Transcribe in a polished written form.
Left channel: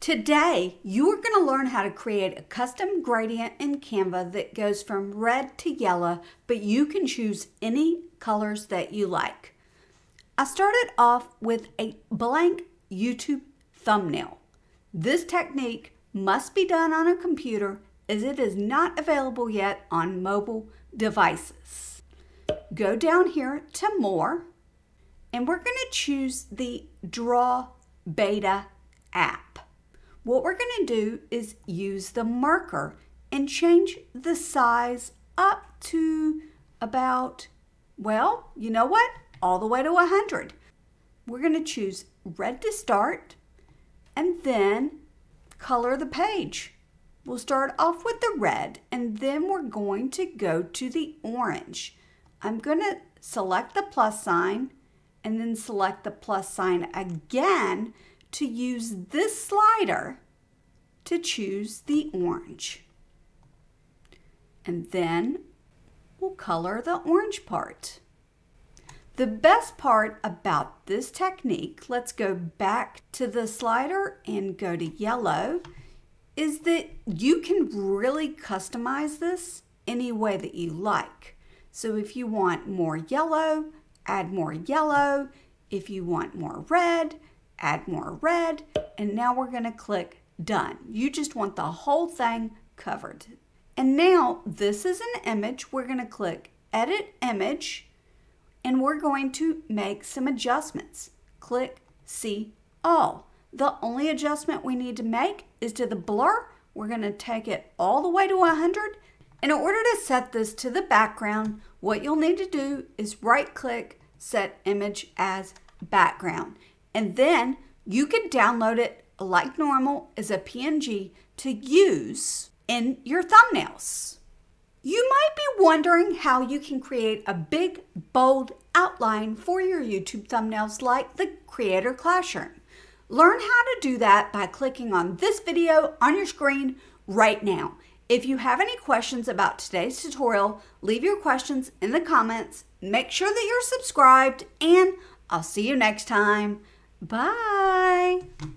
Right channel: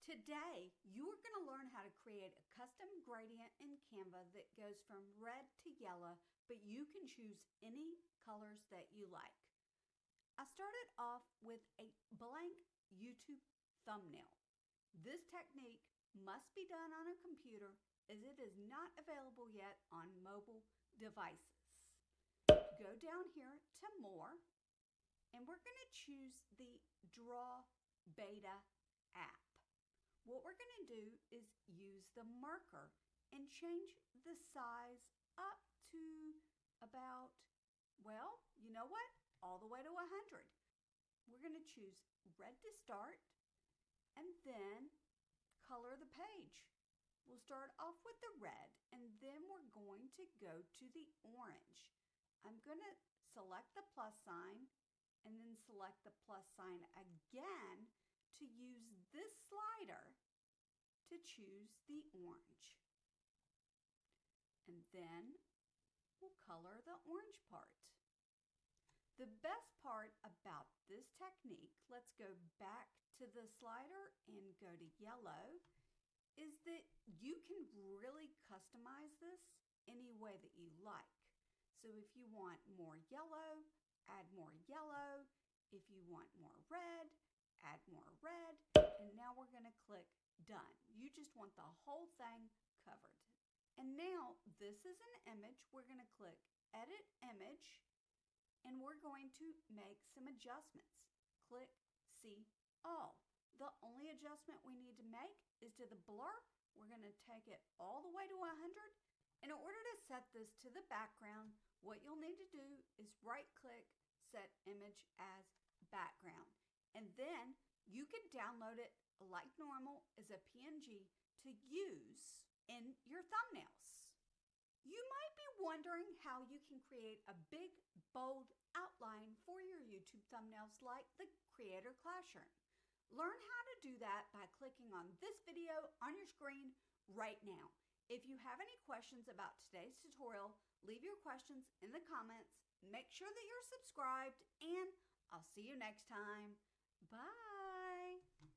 Today, you are going to learn how to create a custom gradient in Canva that goes from red to yellow, but you can choose any colors that you like. I started off with a blank YouTube thumbnail. This technique must be done on a computer as it is not available yet on mobile devices. Go down here to More, and we're going to choose the Draw Beta app. What we're going to do is use the marker and change the size up to about, well, you know what? All the way to 100. We're going to choose red to start and then color the page. We'll start off with the red and then we're going to go to the orange. I'm going to select the plus sign and then select the plus sign again to use this slider to choose the orange. And then we'll color the orange part. The best part about this technique, let's go back to the slider and go to yellow, is that you can really customize this any way that you like. So if you want more yellow, add more yellow. If you want more red, add more red. And now we're going to click Done. You just want the whole thing covered. And now this is an image. We're going to click Edit Image. And we're going to make some adjustments. Click See All. The only adjustment we need to make is to the blur. We're going to take it all the way to 100. In order to set this to the background, what you'll need to do is right click, Set Image as Background. And then you can download it like normal as a PNG to use in your thumbnails. You might be wondering how you can create a big, bold outline for your YouTube thumbnails like the Creator Classroom. Learn how to do that by clicking on this video on your screen right now. If you have any questions about today's tutorial, leave your questions in the comments. Make sure that you're subscribed, and I'll see you next time. Bye!